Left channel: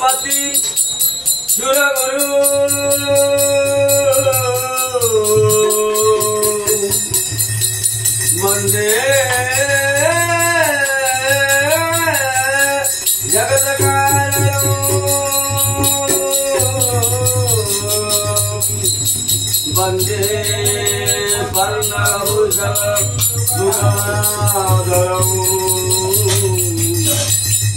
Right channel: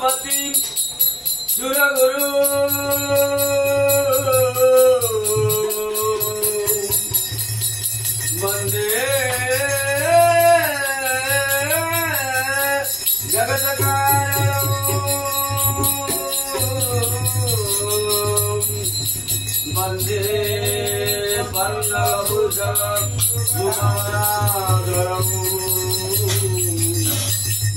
पति सुरगुरु वंदे जगत कारणं वंदे वर्णभूषणं गुणाधरं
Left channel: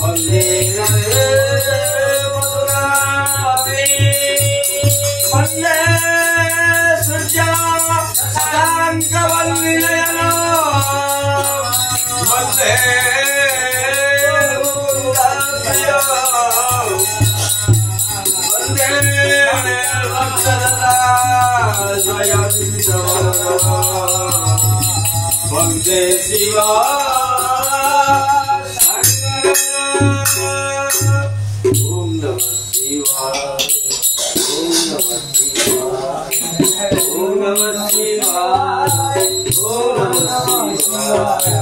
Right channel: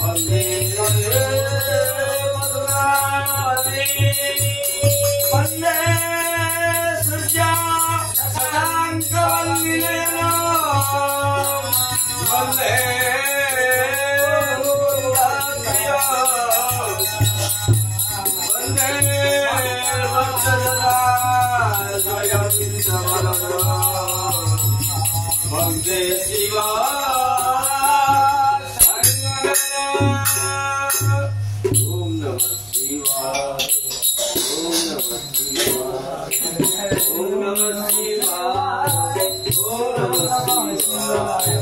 वंदे वंदे सूर्या शशाङ्कवल्लिनयना वंदे मुकुन्दप्रिया वंदे अक्षरदा जयन्तवरदा वंदे शिवा ओम नमः शिवाय ओम नमः शिवाय ओम नमः शिवाय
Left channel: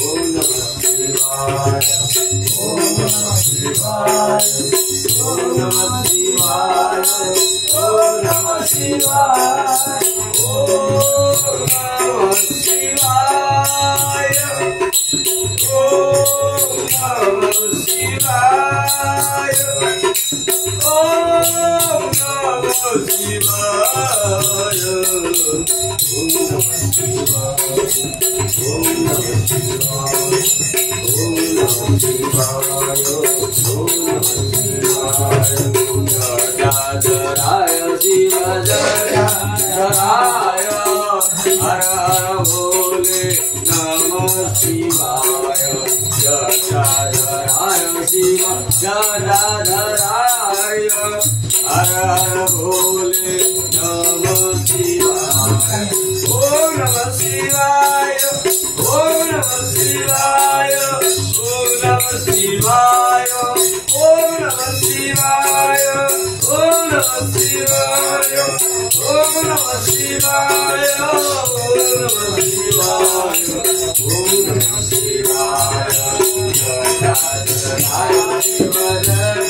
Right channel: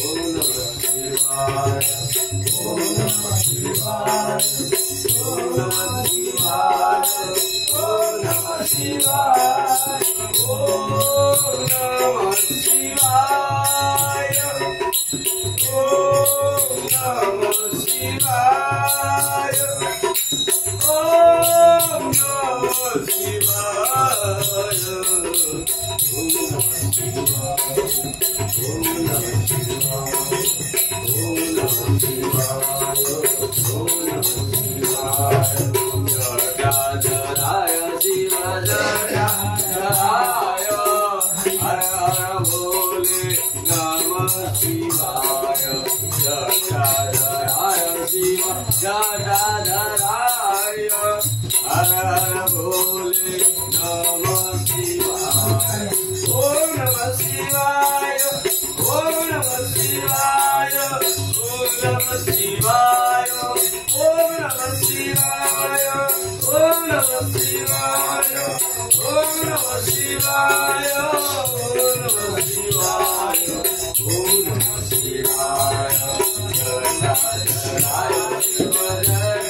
ओम नमः शिवाय ओम नमः शिवाय ओम नमः शिवाय ओम नमः शिवाय ओम नमः शिवाय ओम नमः शिवाय ओम नमः शिवाय ओम नमः शिवाय ओम नमः शिवाय ओम नमः शिवाय ओम नमः शिवाय ओम नमः शिवाय जय शिव जय हर हर भोले नमः शिवाय जय शिव जय हर हर भोले नमः शिवाय ओम नमः शिवाय ओम नमः शिवाय ओम नमः शिवाय ओम नमः शिवाय ओम नमः शिवाय ओम नमः शिवाय ओम नमः शिवाय ओम नमः शिवाय जय शिव जय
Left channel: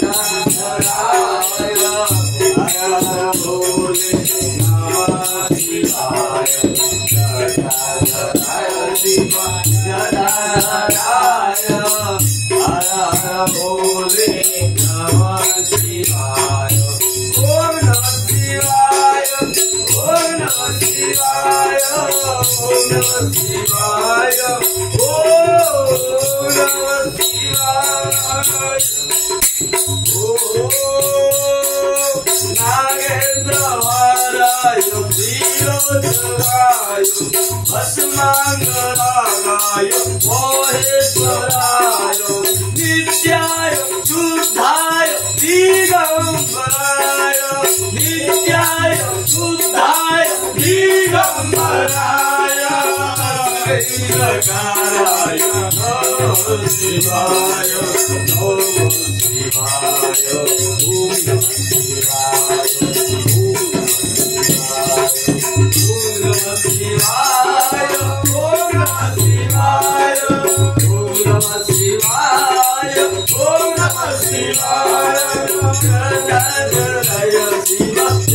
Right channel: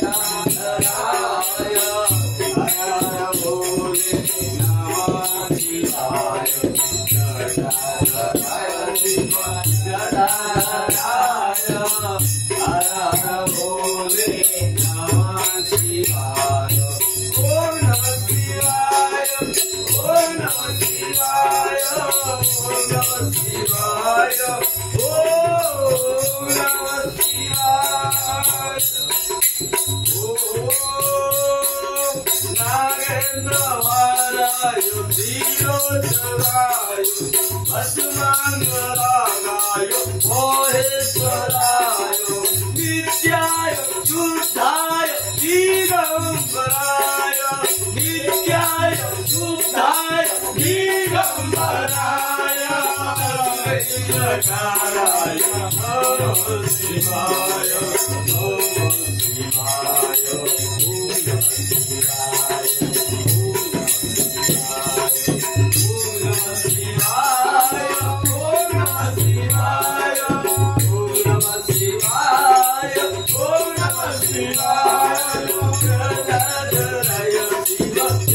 हर हर भोले नमः शिवाय जय शिव जय हर हर भोले नमः शिवाय ओम नमः शिवाय ओम नमः शिवाय ओम नमः शिवाय ओम नमः शिवाय नागेंद्र हराय धीरोधराय भस्मांगरागाय मोहेश्वराय नित्याय शुद्धाय दिगंबराय नित्याय शुद्धाय दिगंबराय श्रीरकाराय नमः शिवाय नमः शिवाय ओम नमः शिवाय ओम नमः शिवाय ओम नमः शिवाय ओम नमः शिवाय ओम नमः शिवाय जय जय शिव जय जय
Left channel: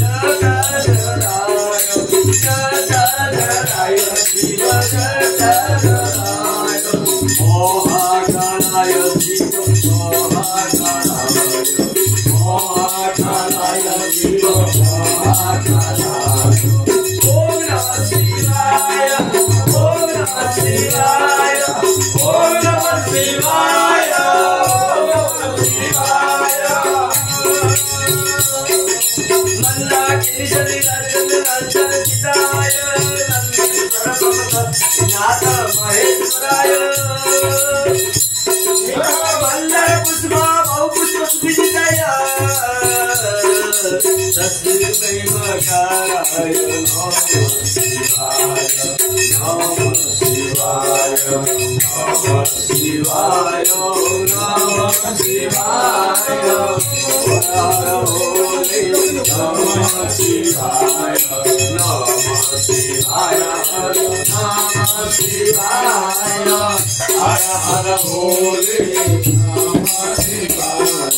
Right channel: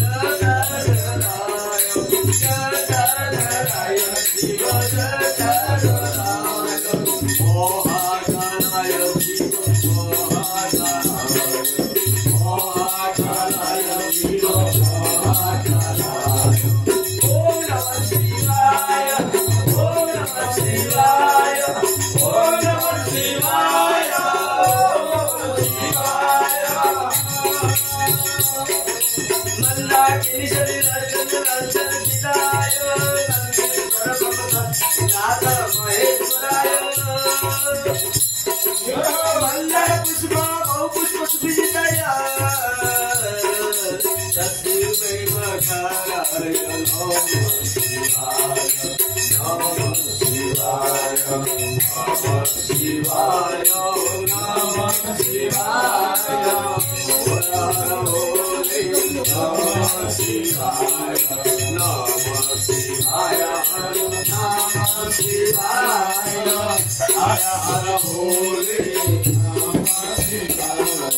शिव जय महाकालाय शिव महाकालाय शिव महाकालाय ओम नमः शिवाय ओम नमः शिवाय ओम नमः शिवाय ओम नमः शिवाय मंदाकिनी अर्जुन अर्जुन चिदाय नंदीश्वर नाथ महेश्वराय वंदे पुष्प बहु पुष्प सुविदिताय तस्मै मकाराय नमः शिवाय नमः शिवाय नमः शिवाय नमः शिवाय हर भोले नमः शिवाय नमः शिवाय नमः शिवाय हर हर भोले नमः शिवाय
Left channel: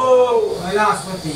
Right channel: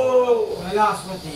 कैलाशपति